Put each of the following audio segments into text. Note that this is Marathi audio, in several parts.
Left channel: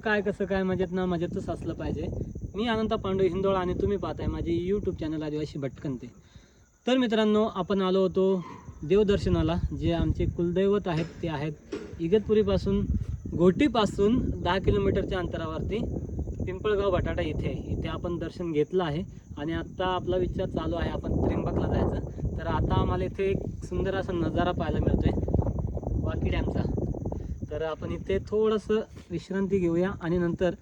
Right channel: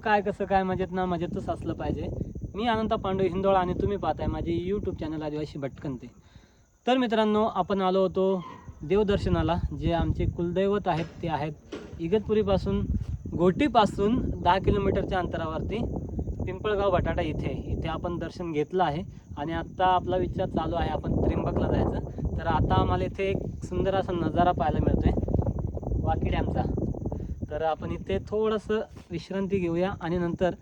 काय कसं काय मजेत ना मजेतच असलं पाहिजे. मी अनंता पांडू हिंदोळा आणि तुम्ही पाहताय माझे यूट्यूब चॅनल आदिवासी भटकंते. तर मित्रांनो आपण आलो होतो देवदर्शनाला जे आमचे कुलदैवत आहेत ते आहेत इगतपुरीपासून गोटीपासून दहा किलोमीटरच्या अंतरावरती पिंपळगाव बटाटा इथे. इथे आपण दर्शन घेतलं आहे आणि आत्ता आपला विचार चालू आहे आपण त्रिंबकला जायचं. तर आता आम्हाला इथे एक सुंदर असा नजारा पाहायला मिळतोय. वाकी डॅमचा. तर आपण इथे थोडंसं विश्रांती घेऊया आणि नंतर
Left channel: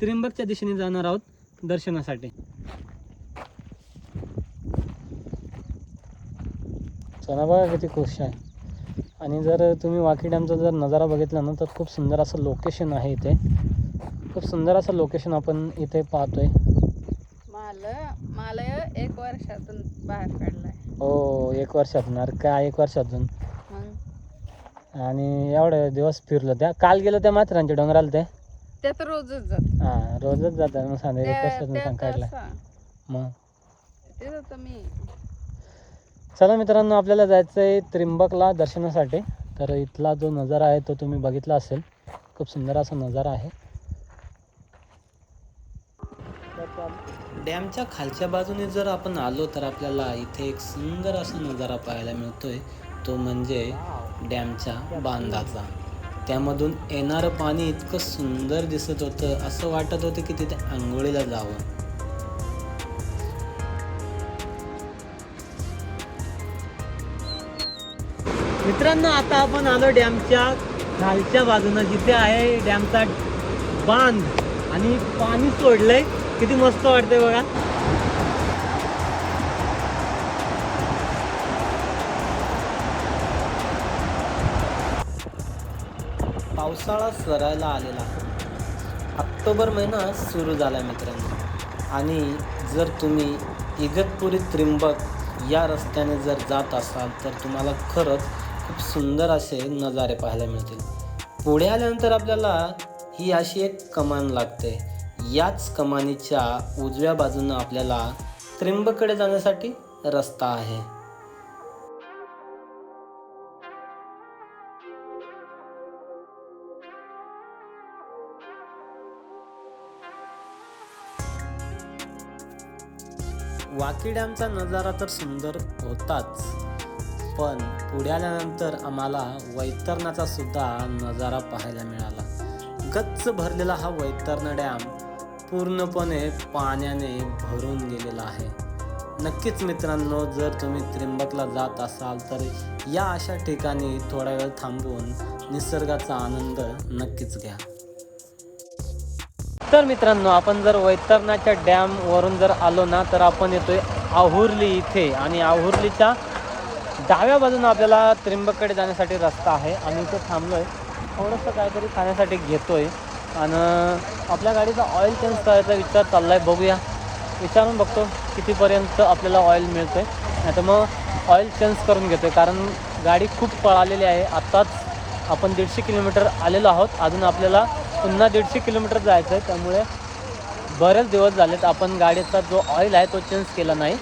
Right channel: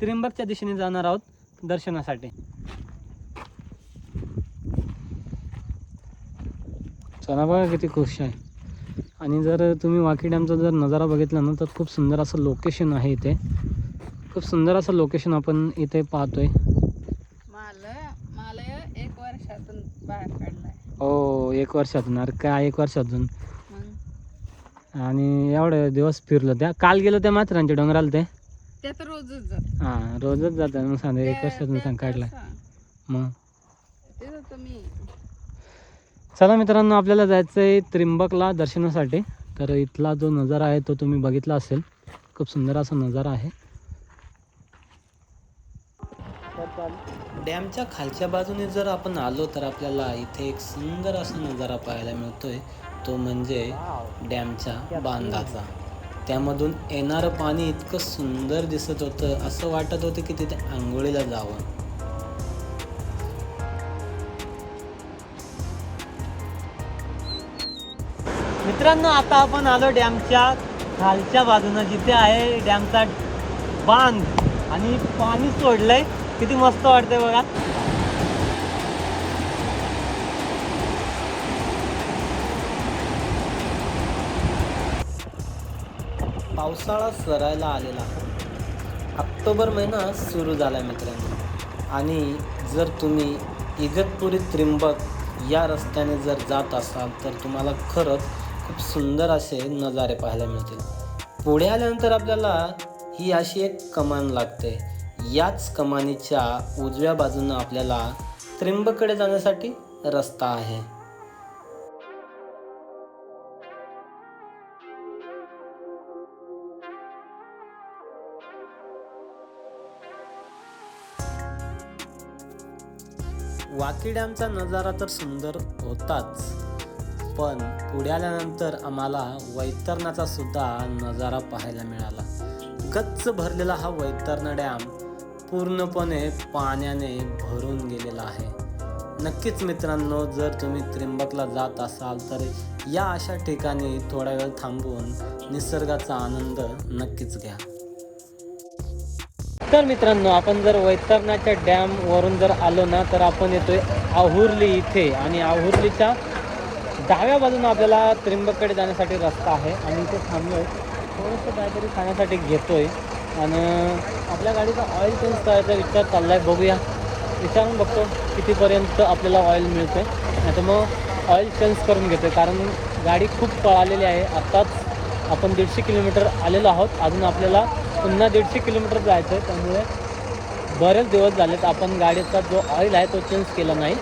त्र्यंबकच्या दिशेने जाणार आहोत दर्शनासाठी. चला बघा किती खुश आहे. आणि जर तुम्ही वाकी डॅमचा जर नजारा बघितला ना तर खूप सुंदर असं लोकेशन आहे इथे. खूप सुंदर असं लोकेशन आपण इथे पाहतोय. माल माल एक वर्षातून बाहेर काढलाय. हो एक वर्षातून. अरे काय एक वर्षातून? आणि एवढे दिवस फिरलो त्या. काल गेलो त्या माथेरानच्या डोंगराला ते. ते तर रोजच जात हां रोजच जातात. मग सांगा ते- सांग काढला. मग? ते जातं मी चला मित्रांनो आपल्याला जायचं आहे त्र्यंबकला दर्शनासाठी. तर इथला जो नजारा आहे तो तुम्ही बघितला असेल. खूप सुंदर असा नजारा आहे. डॅमच्या खालच्या बाजूने जर आपण आलो तर आपल्याला इथे एक सुंदर असा नजारा पाहायला मिळतोय. तो म्हणजे डॅमच्या बांधाचा. त्यामधून येणारं पाणी इतकं सुंदर दिसत होतं असं वाटत होतं की तिथे आंघोळीला जावं. मित्रांनो आता आपण आलो डॅमच्या खालच्या बाजूनं जिथे आहे डॅमचा बांध. आणि पाणी सोडलंय. किती मस्त वाटतंय बघा. पावसाळा सरायला आलेला. ऑक्टोबर महिना सुरू झाला आहे मित्रांनो. आणि जर तुम्ही इगतपुरी त्रिंबक या रस्त्याने जर जात असाल तर तुम्हाला खरंच खूप सुंदर असे नजारे पाहायला मिळतील. पुढे आल्यानंतर आपल्याला ही अशी एक कमान लागते. याच कमानीच्या उजव्या बाजूनं आपल्याला त्रिंबककडे जाण्यासाठी रस्ता आहे. वाकी डॅमचा नजारा तर सुंदर होताच पण पुढे आल्यानंतर आम्हाला वैतरणाचा सुद्धा नजारा पाहायला मिळाला. गच्च भरलेला हा वैतरणा डॅम पूर्णपणे पाण्याने भरून गेलेला आहे. नक्कीच मित्रांनो जर तुम्ही त्र्यंबकला जात असाल तर या अशा ठिकाणी थोडा वेळ थांबून निसर्गाचा आनंद नक्कीच घ्या. तर मित्रांनो आपण जर वैतरणाच्या डॅम वरून जर आलो ना तर आपण येतोय आहुर्ली इथे. आणि आहुर्लीच्या डाव्या बाजूने आपल्याला त्रिंबकडे जाण्यासाठी रस्ता आहे. आणि इथे थांबलोय. थोडंसं काहीतरी खाण्यासाठी घेतोय. आणि आपल्या गाडीचा ऑइल चेंज करायचा विचार चाललाय. बघूया. विचारून बघतो कितीपर्यंत आपल्याला ऑइल मिळतोय. नाही तर मग ऑइल चेंज करून घेतोय. कारण गाडी खूप पळालेली आहे. आत्ताच आपण दीडशे किलोमीटर आलेलो आहोत. अजून आपल्याला पुन्हा दीडशे किलोमीटर जायचं आहे त्यामुळे बरेच दिवस झालेत. आपण गाडीचा जो ऑइल आहे तो चेंज केला नाही.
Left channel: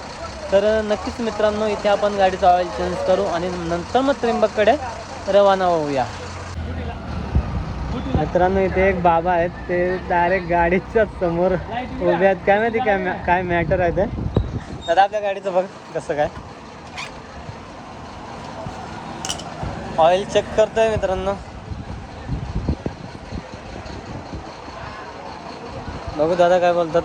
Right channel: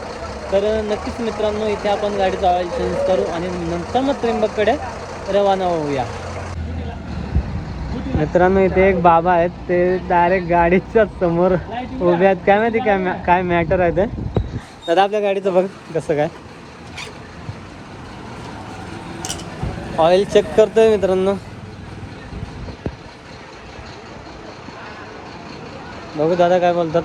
तर नक्कीच मित्रांनो इथे आपण गाडीचा ऑइल चेंज करू आणि नंतर मग त्र्यंबककडे रवाना होऊया. मित्रांनो इथे एक बाबा आहेत. ते डायरेक्ट गाडीच्या समोर उभे आहेत. काय माहिती काय मॅ- काय मॅटर आहे ते? दादा आपल्या गाडीचं बघ कसं काय? ऑइल चेक करतोय मित्रांनो. बघू दादा काय बोलतात.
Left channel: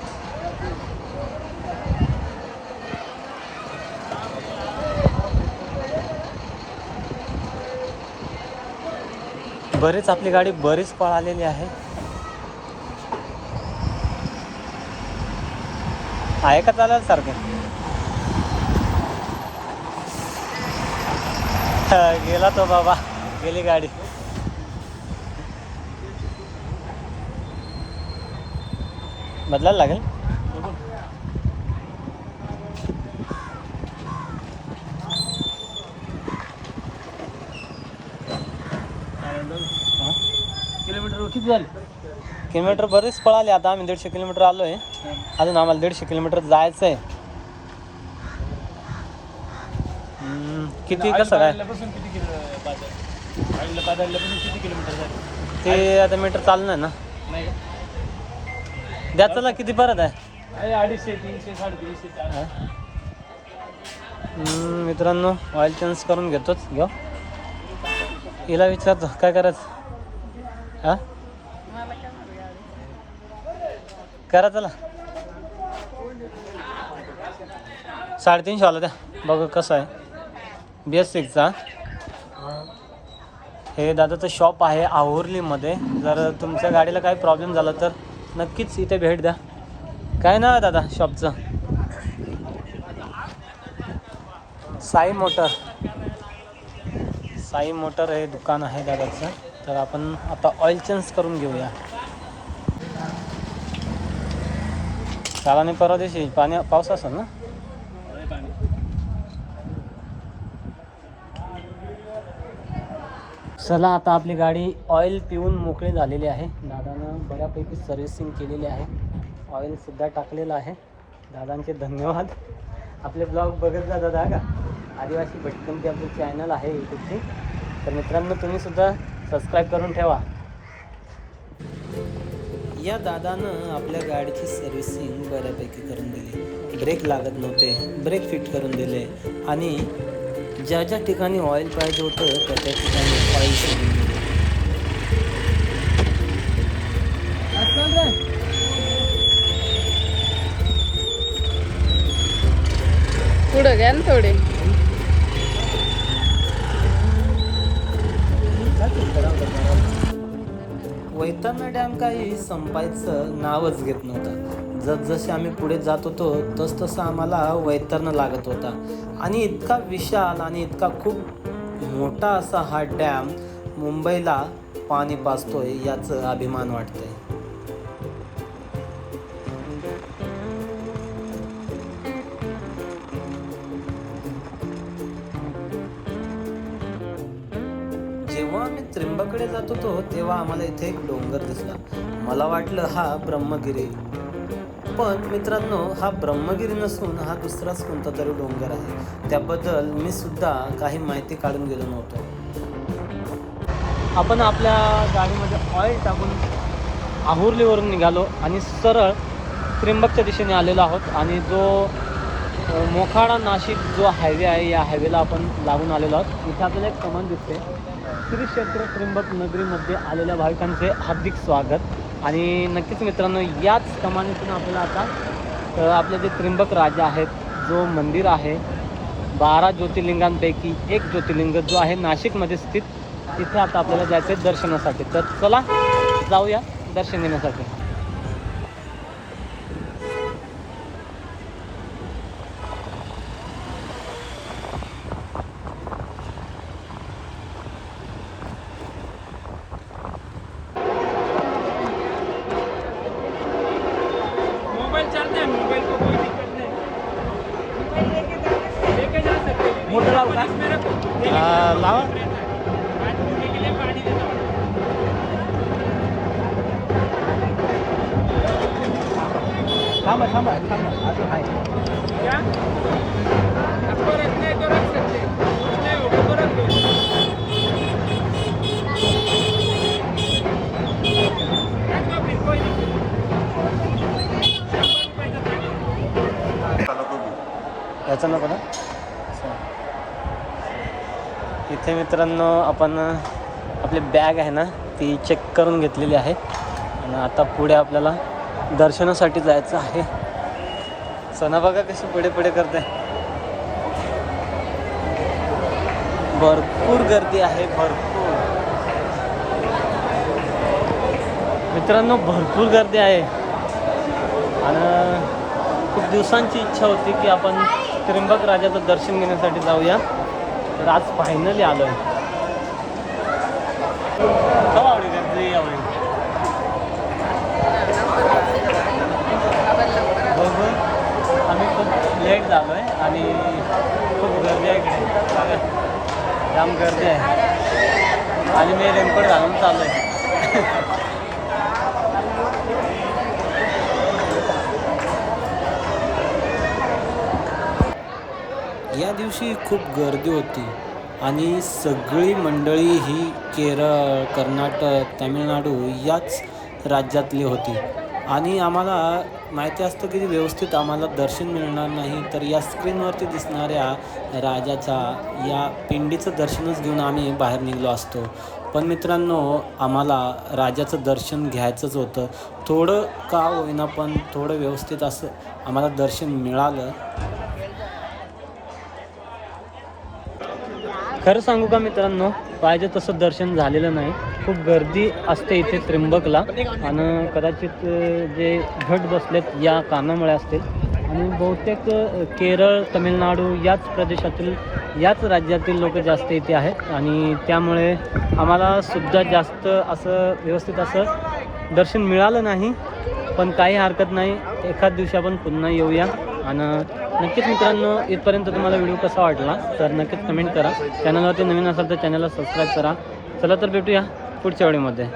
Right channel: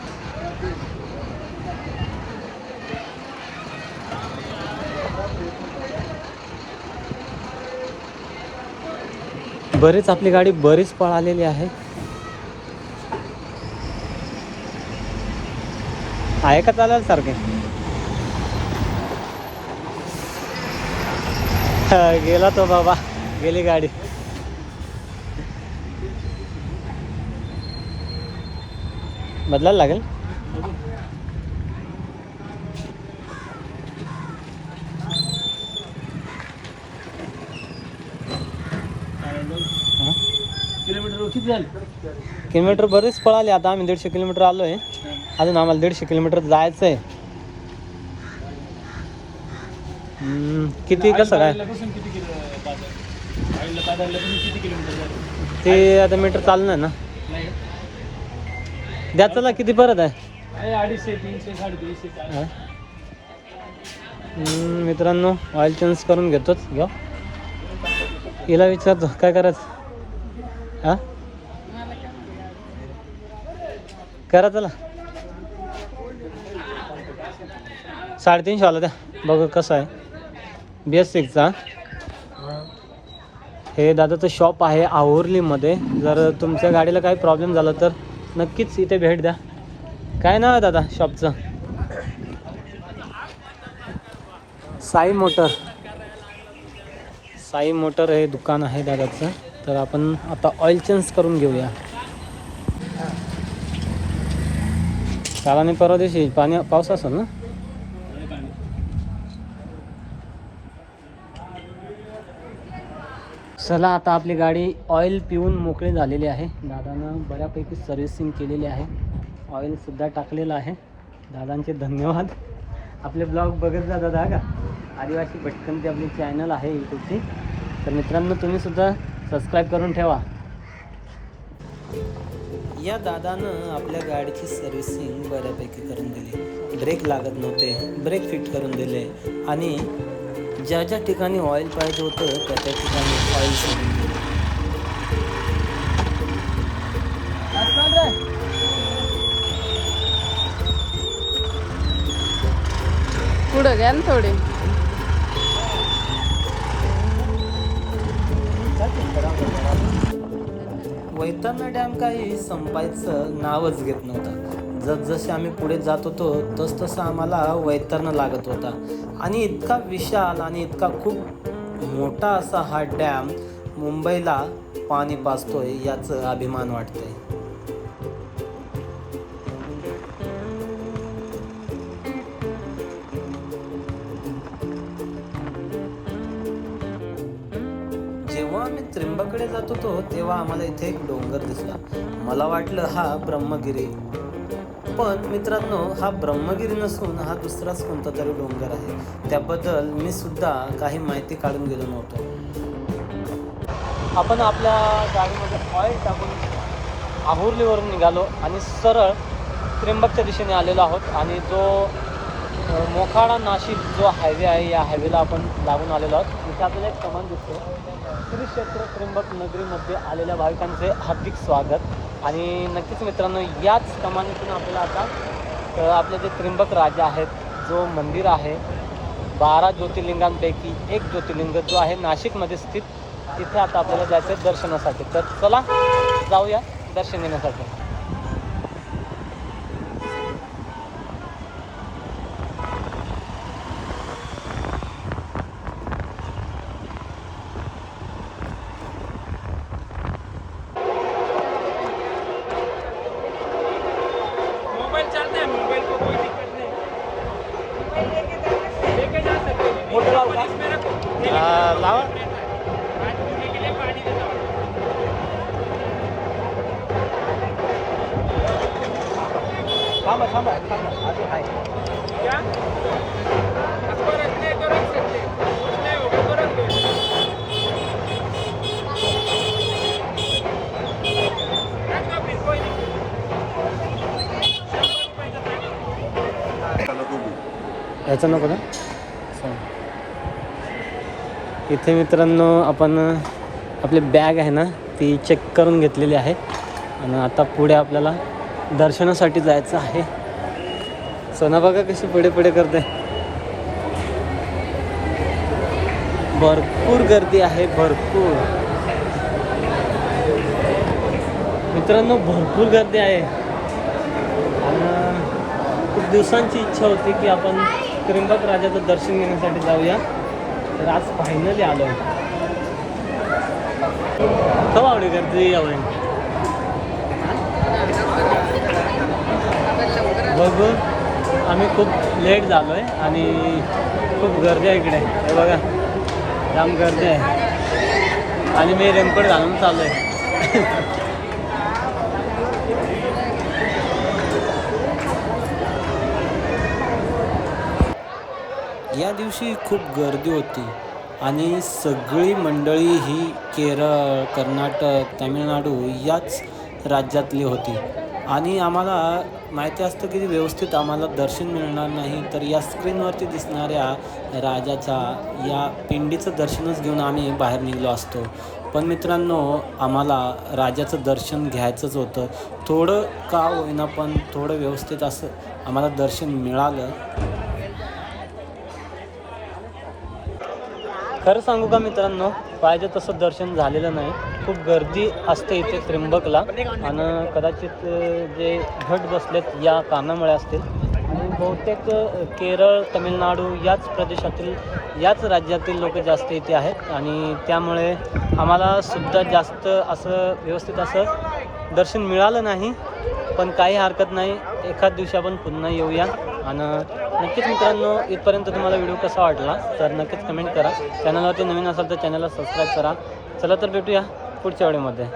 बरीच आपली गाडी बरीच पळालेली आहे. आहे का चालेल सारखे? गेला तो बाबा गेली गाडी. बदलायला लागेल? किलोमीटर बरेच पळाले आता आम्ही दीडशे किलोमीटर आलो आहे अजून आम्हाला दीडशे किलोमीटर जायचं आहे किती कसं काय? ते आता मीटर चालणार ना. नाही द्या चला किती परत आहे? अडीचशे तीनशे साडेतीनशे. हा? मित्रांनो ऑइल चेंज करून घेतोच. घ्या हिला विचारतो काय करायचं? हा? करा चला. साडेतीनशे वाला द्या. बघू कसं आहे. बी एस सिक्सचा हे दादाचं शॉप आहे आहुर्लीमध्ये जर तुमच्या गाडीला काही प्रॉब्लेम झाला तर नक्कीच इथे भेट द्या. काय नाव आहे दादा शॉपचं साई मोटर. साई मोटर हे दुकान आहे दादाचं. तर आपण आता ऑइल चेंज करून घेऊया. काल आणि परवा दिवशी पाणी पाऊस असेल ना? चला आता आपली गाडी ऑइल पिऊन मोकळी झालेली आहे. दादानं बऱ्यापैकी सर्व्हिसिंग केलेली आहे. ऑइलसुद्धा टाकलेलं आहे. दादांचे धन्यवाद. आपले ब्लॉग बघत जा दादा का? आदिवासी जे आपली चॅनल आहे यूट्यूबची तर मित्रांनो तुम्हीसुद्धा सबस्क्राईब करून ठेवा. या दादानं आपल्या गाडीची सर्व्हिसिंग बऱ्यापैकी करून दिली. ब्रेक लागत नव्हते. ब्रेक फिट करून दिले. आणि ज्या ज्या ठिकाणी ऑइल पाहिजे होतं त्या त्या ठिकाणी ऑइल सोडून दिले. पुढं घ्या ना थोडे. वैतरणा डॅम काही संपायचं नावच घेत नव्हता. जसजसे आम्ही पुढे जात होतो तसतसं आम्हाला वैतरणं लागत होता. आणि इतका विशाल आणि इतका खूप मोठा असा हा डॅम मुंबईला पाणी पाजतोय याचं अभिमान वाटतंय. जेव्हा आम्ही त्रिंबकडे जात होतो तेव्हा आम्हाला इथे एक डोंगर दिसला. मला वाटलं हा ब्रह्मगिरी. पण मित्रांनो हा ब्रह्मगिरी नसून हा दुसराच कोणता तरी डोंगर आहे. त्याबद्दल मी सुद्धा काही माहिती काढून गेलो नव्हतो. आपण आपल्या गाडीमध्ये ऑइल टाकून आहुर्लीवरून निघालो आणि सरळ त्र्यंबकच्या दिशेने आलेलो आहोत. आणि जो मोखाडा नाशिक जो हायवे आहे या हायवेला आपण लागून आलेलो आहोत. इथे आपल्याला एक कमान दिसते. श्री क्षेत्र त्र्यंबक नगरीमध्ये आलेल्या भाविकांचे हार्दिक स्वागत. आणि नक्कीच मित्रांनो याच कमानीतून आपल्याला आता आपले जे त्र्यंबक राजा आहेत जो मंदिर आहे बारा ज्योतिर्लिंगांपैकी एक ज्योतिर्लिंग जो आहे नाशिकमध्ये स्थित तिथे आता आपल्याला जायचं आहे दर्शनासाठी. तर चला जाऊया दर्शन घेण्यासाठी. parte del याचा नको ना इथे मित्रांनो आपण आपली बॅग आहे ना ती चेक करून घेतलेली आहे. आणि आता पुढे आपल्याला दर्शनासाठी जायचं आहे. सोना बघा कशी पुढे पुढे करते भरपूर गर्दी आहे भरपूर. मित्रांनो भरपूर गर्दी आहे. आणि खूप दिवसांची इच्छा होती की आपण त्रिंबक राजाचं दर्शन घेण्यासाठी जाऊया. तर आज फायनली आलो आहे खवा आवडी गर्दी यावं बघू आम्ही खूप लेट झालो आहे आणि खूप गर्दी आहे इकडे. बघा जाम गर्दी आहे. आणि मी रेनकोट घालून चाललो आहे या दिवशी खूप गर्दी होती. आणि सगळी मंडळी ही केरळ कर्नाटक तामिळनाडू याच राज्यातली होती. आणि आम्हाला माहिती असतं की व्यवस्थित आम्हाला दर्शन मिळणार नाही तर या स्क्रीनवरती दिसणाऱ्या राजाच्या या पिंडीचं दर्शनच घेऊन आम्ही बाहेर निघलो असतो. पण मित्रांनो आम्हाला राजाचं दर्शन घ्यायचंच होतं. थोडं का होईना पण थोडं व्यवस्थित असं आम्हाला दर्शन मिळालं. खरं सांगू का मित्रांनो? पाहिजे तसं दर्शन झालेलं नाही. खूप गर्दी असते इथे त्र्यंबकला. आणि कदाचित जे घट बसलेत या कारणामुळे असतील आणि बहुतेक केरळ तमिळनाडू याच प्रदेशातील याच राज्यातील लोक जास्त इथे आहेत. आणि त्यामुळे आम्हाला सुद्धा जास्त असं व्यवस्थित असं दर्शन मिळालं नाही. पण काही हरकत नाही. एखाद दिवशी आपण पुन्हा येऊया. आणि नक्कीच मित्रांनो इथपर्यंत तुम्हाला व्हिडिओ कसा वाटला तर नक्कीच कमेंट करा. चॅनलवरती नवीन असाल तर चॅनलला सबस्क्राईब करा. चला तर भेटूया पुढच्या वेळेमध्ये